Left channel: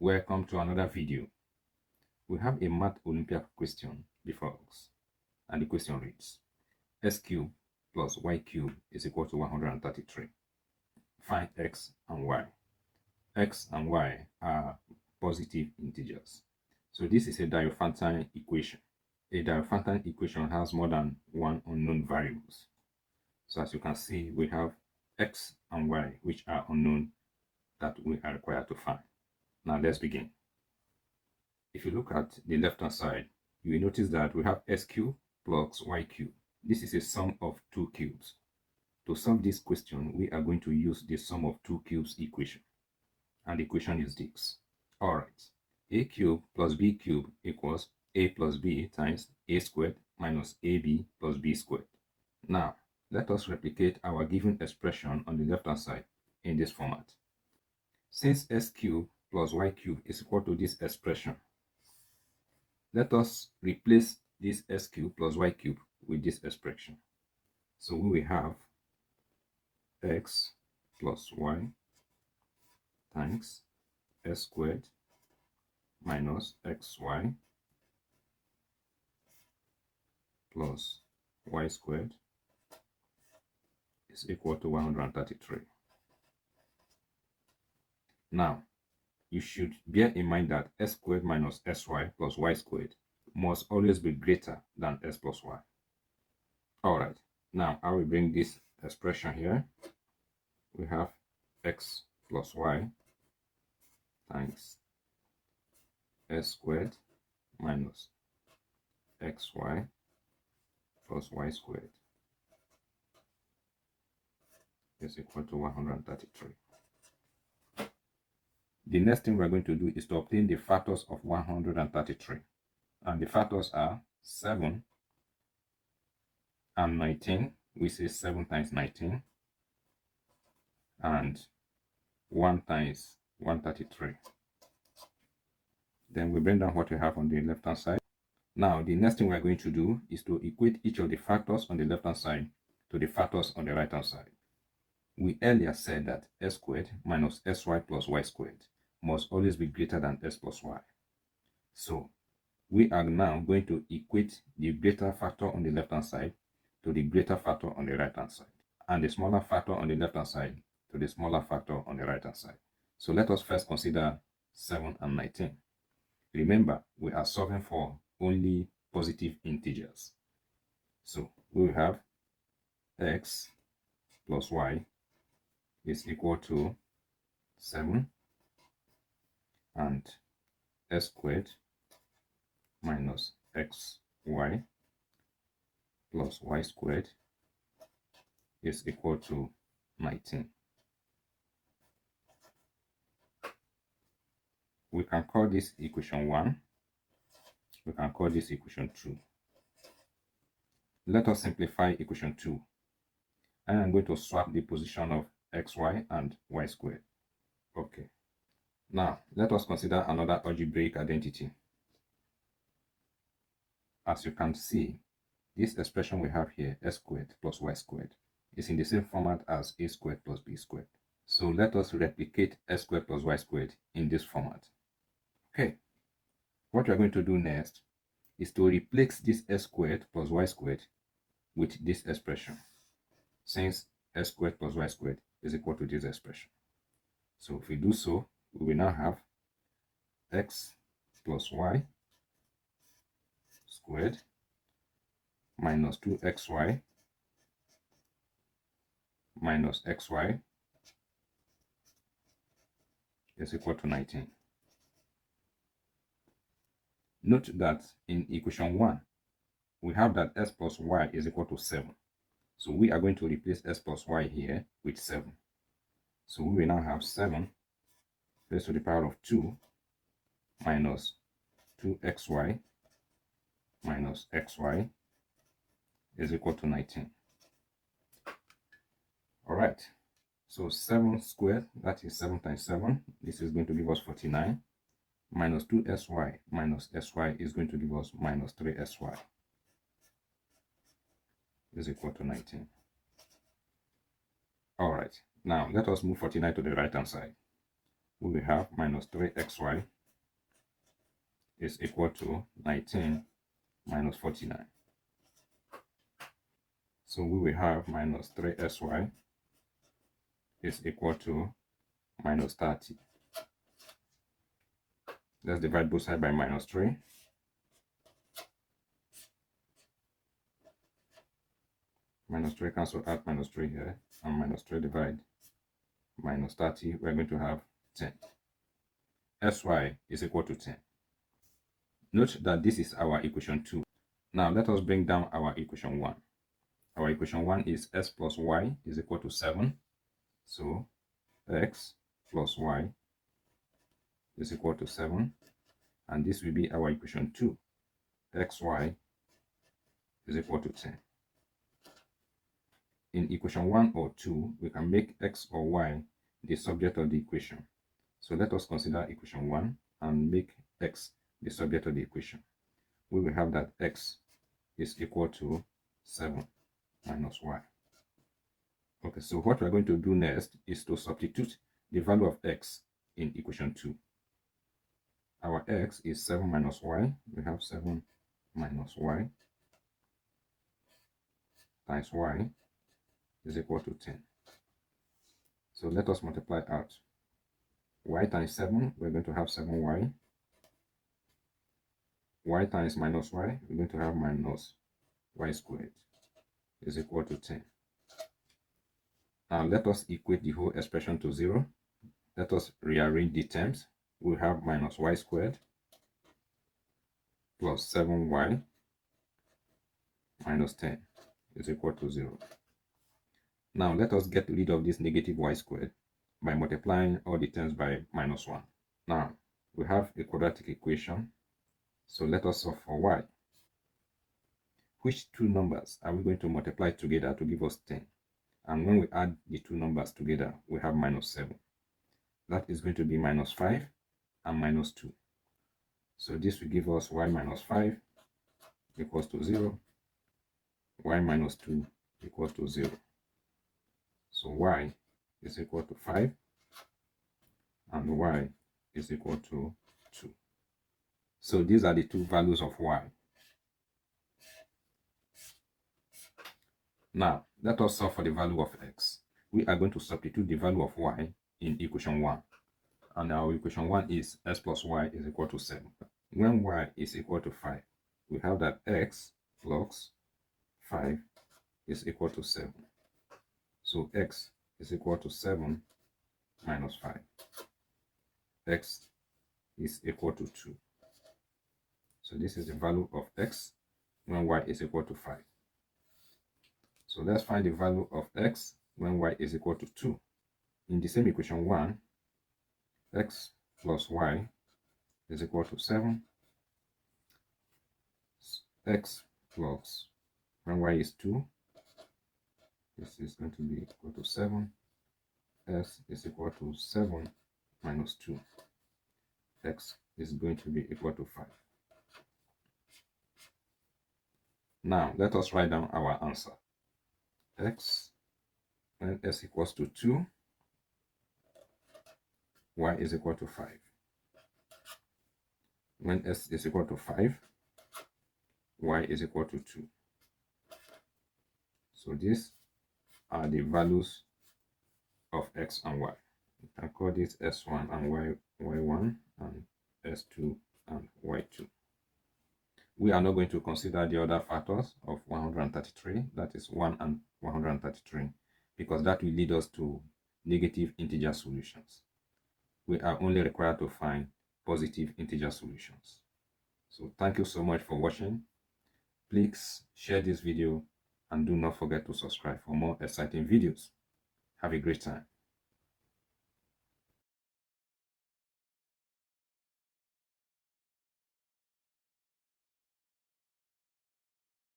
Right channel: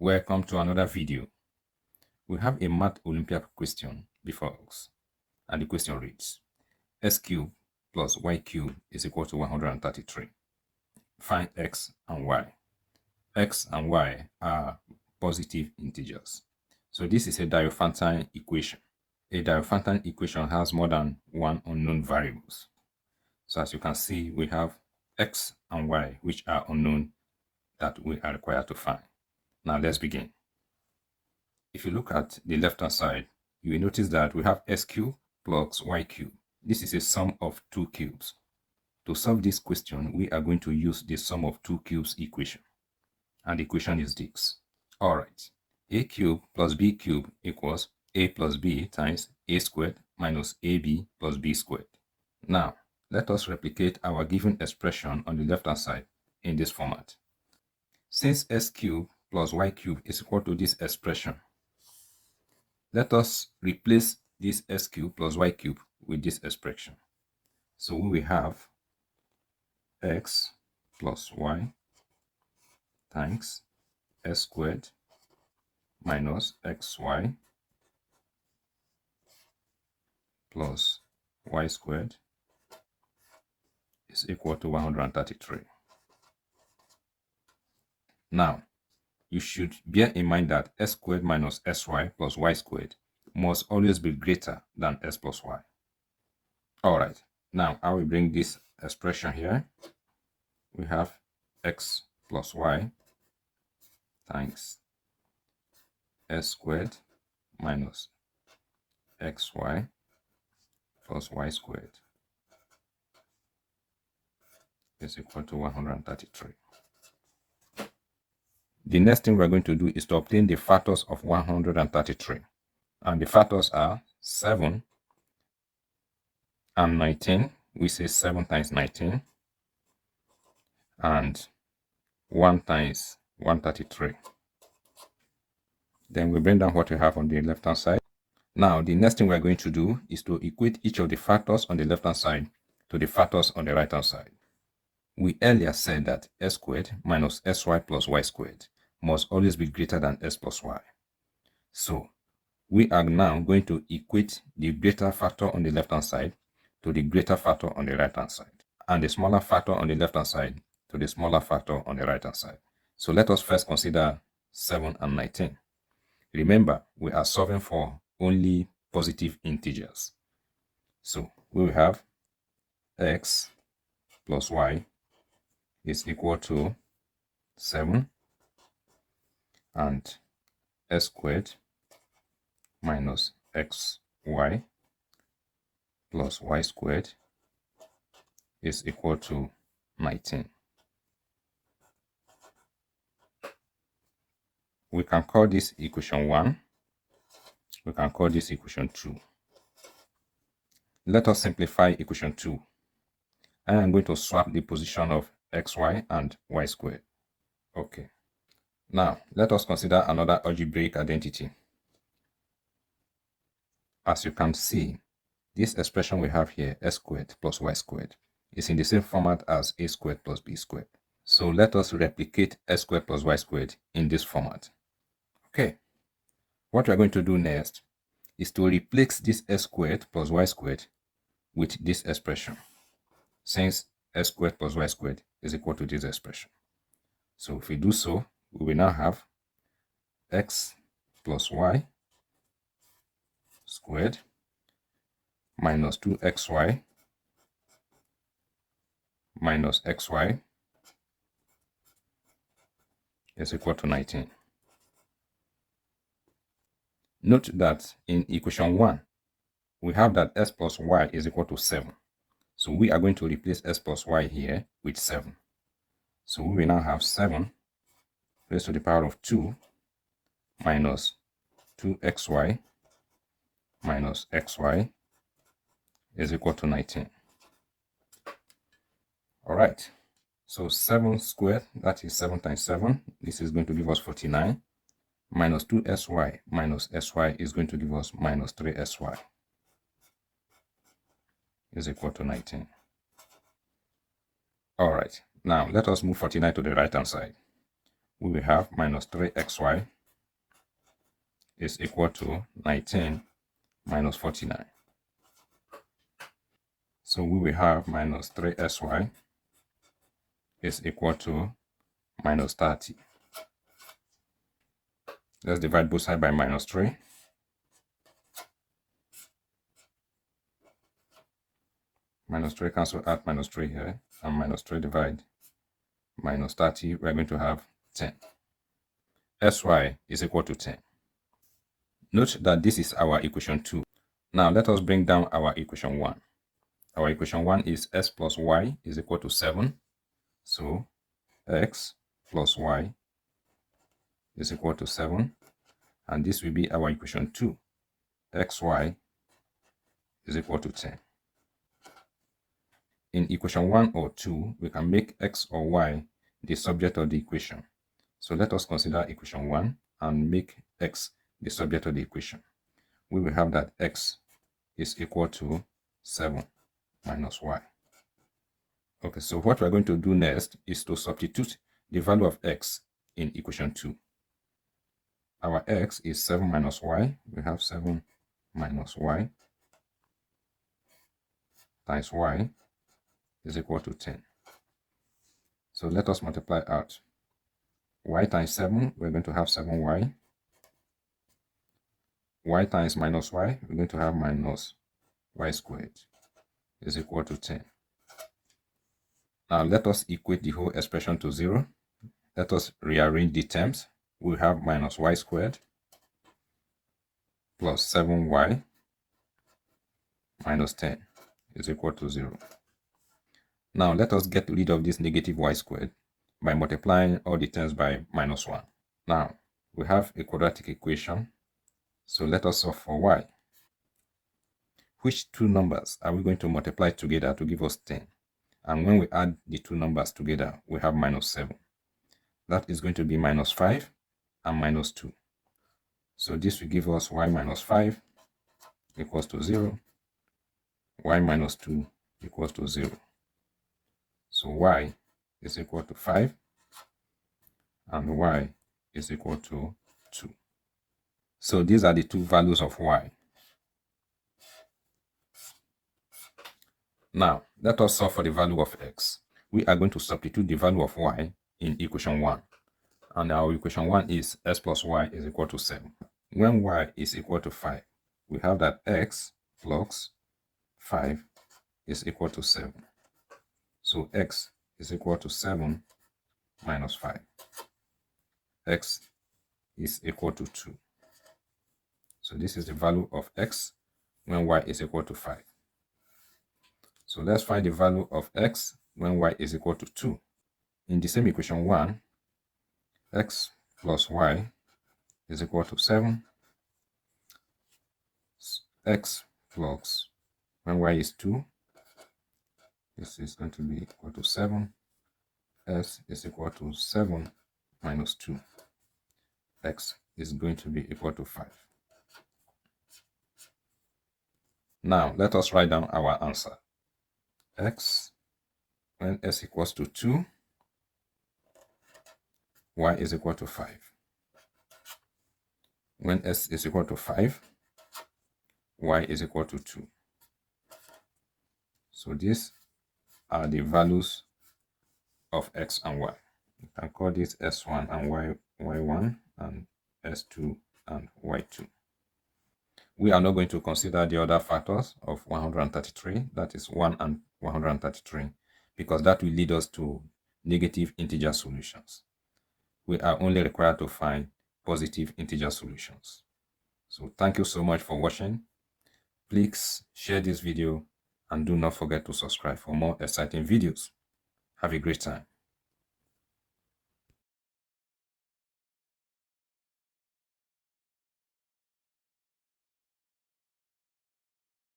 Welcome to another video. We have a math Olympiad question before us, and the question reads, x cubed plus y cubed is equal to 133. Find x and y. X and y are positive integers. So this is a Diophantine equation. A Diophantine equation has more than one unknown variables. So as you can see, we have x and y, which are unknown, that we are required to find. Now let's begin. If you look at the left hand side, you will notice that we have x cubed plus y cubed. This is a sum of two cubes. To solve this question, we are going to use the sum of two cubes equation. And the equation is this. Alright, a cubed plus b cubed equals a plus b times a squared minus ab plus b squared. Now, let us replicate our given expression on the left hand side in this format. Since x cubed plus y cubed is equal to this expression, let us replace this x cubed plus y cubed with this expression. So we will have x plus y times s squared minus xy plus y squared is equal to 133. Now, you should bear in mind that s squared minus sy plus y squared must always be greater than s plus y. Alright, now I will bring this expression here. We have x plus y times s squared minus xy plus y squared is equal to 133. The next thing we're going to do is to obtain the factors of 133. And the factors are 7 and 19. We say 7 times 19. And 1 times 133. Then we bring down what we have on the left hand side. Now, the next thing we're going to do is to equate each of the factors on the left hand side to the factors on the right hand side. We earlier said that s squared minus sy plus y squared must always be greater than s plus y. So, we are now going to equate the greater factor on the left hand side to the greater factor on the right hand side, and the smaller factor on the left hand side to the smaller factor on the right hand side. So let us first consider 7 and 19. Remember, we are solving for only positive integers. So we will have x plus y is equal to 7 and s squared minus xy plus y squared is equal to 19. We can call this equation 1. We can call this equation 2. Let us simplify equation 2. I am going to swap the position of xy and y squared. Okay. Now, let us consider another algebraic identity. As you can see, this expression we have here, s squared plus y squared, is in the same format as a squared plus b squared. So let us replicate s squared plus y squared in this format. Okay. What we are going to do next is to replace this s squared plus y squared with this expression, since s squared plus y squared is equal to this expression. So if we do so, we will now have x plus y squared minus 2xy minus xy is equal to 19. Note that in equation 1, we have that s plus y is equal to 7. So we are going to replace s plus y here with 7. So we will now have 7 raised to the power of 2 minus 2xy minus xy is equal to 19. Alright, so 7 squared, that is 7 times 7. This is going to give us 49. Minus 2sy minus sy is going to give us minus 3sy is equal to 19. Alright, now let us move 49 to the right hand side. we will have minus 3xy is equal to 19 minus 49. So we will have minus 3sy is equal to minus 30. Let's divide both sides by minus 3. Minus 3 cancel out minus 3 here, and minus 3 divide minus 30, we're going to have 10. Sy is equal to 10. Note that this is our equation 2. Now let us bring down our equation 1. Our equation 1 is x plus y is equal to 7. So x plus y is equal to 7. And this will be our equation 2. xy is equal to 10. In equation 1 or 2, we can make x or y the subject of the equation. So let us consider equation 1 and make x the subject of the equation. We will have that x is equal to 7 minus y. Okay, so what we're going to do next is to substitute the value of x in equation 2. Our x is 7 minus y. We have 7 minus y times y is equal to 10. So let us multiply out. Y times 7, we're going to have 7y. Y times minus y, we're going to have minus y squared is equal to 10. Now let us equate the whole expression to 0. Let us rearrange the terms. We have minus y squared plus 7y minus 10 is equal to 0. Now let us get rid of this negative y squared by multiplying all the terms by minus 1. Now we have a quadratic equation. So let us solve for y. Which two numbers are we going to multiply together to give us 10? And when we add the two numbers together, we have minus 7. That is going to be minus 5 and minus 2. So this will give us y minus 5 equals to 0. Y minus 2 equals to 0. So y is equal to 5 and y is equal to 2. So these are the two values of y. Now, let us solve for the value of x. We are going to substitute the value of y in equation 1. And our equation 1 is x plus y is equal to 7. When y is equal to 5, we have that x plus 5 is equal to 7. So x is equal to 7 minus 5. X is equal to 2. So this is the value of x when y is equal to 5. So let's find the value of x when y is equal to 2. In the same equation 1, x plus y is equal to 7. X plus, when y is 2, this is going to be equal to 7. S is equal to 7 minus 2. X is going to be equal to 5. Now, let us write down our answer. X, when s equals to 2, y is equal to 5. When s is equal to 5, y is equal to 2. So these are the values of x and y. You can call this s1 and y1 and s2 and y2. We are not going to consider the other factors of 133, that is 1 and 133, because that will lead us to negative integer solutions. We are only required to find positive integer solutions. So thank you so much for watching. Please share this video and do not forget to subscribe for more exciting videos. Have a great time.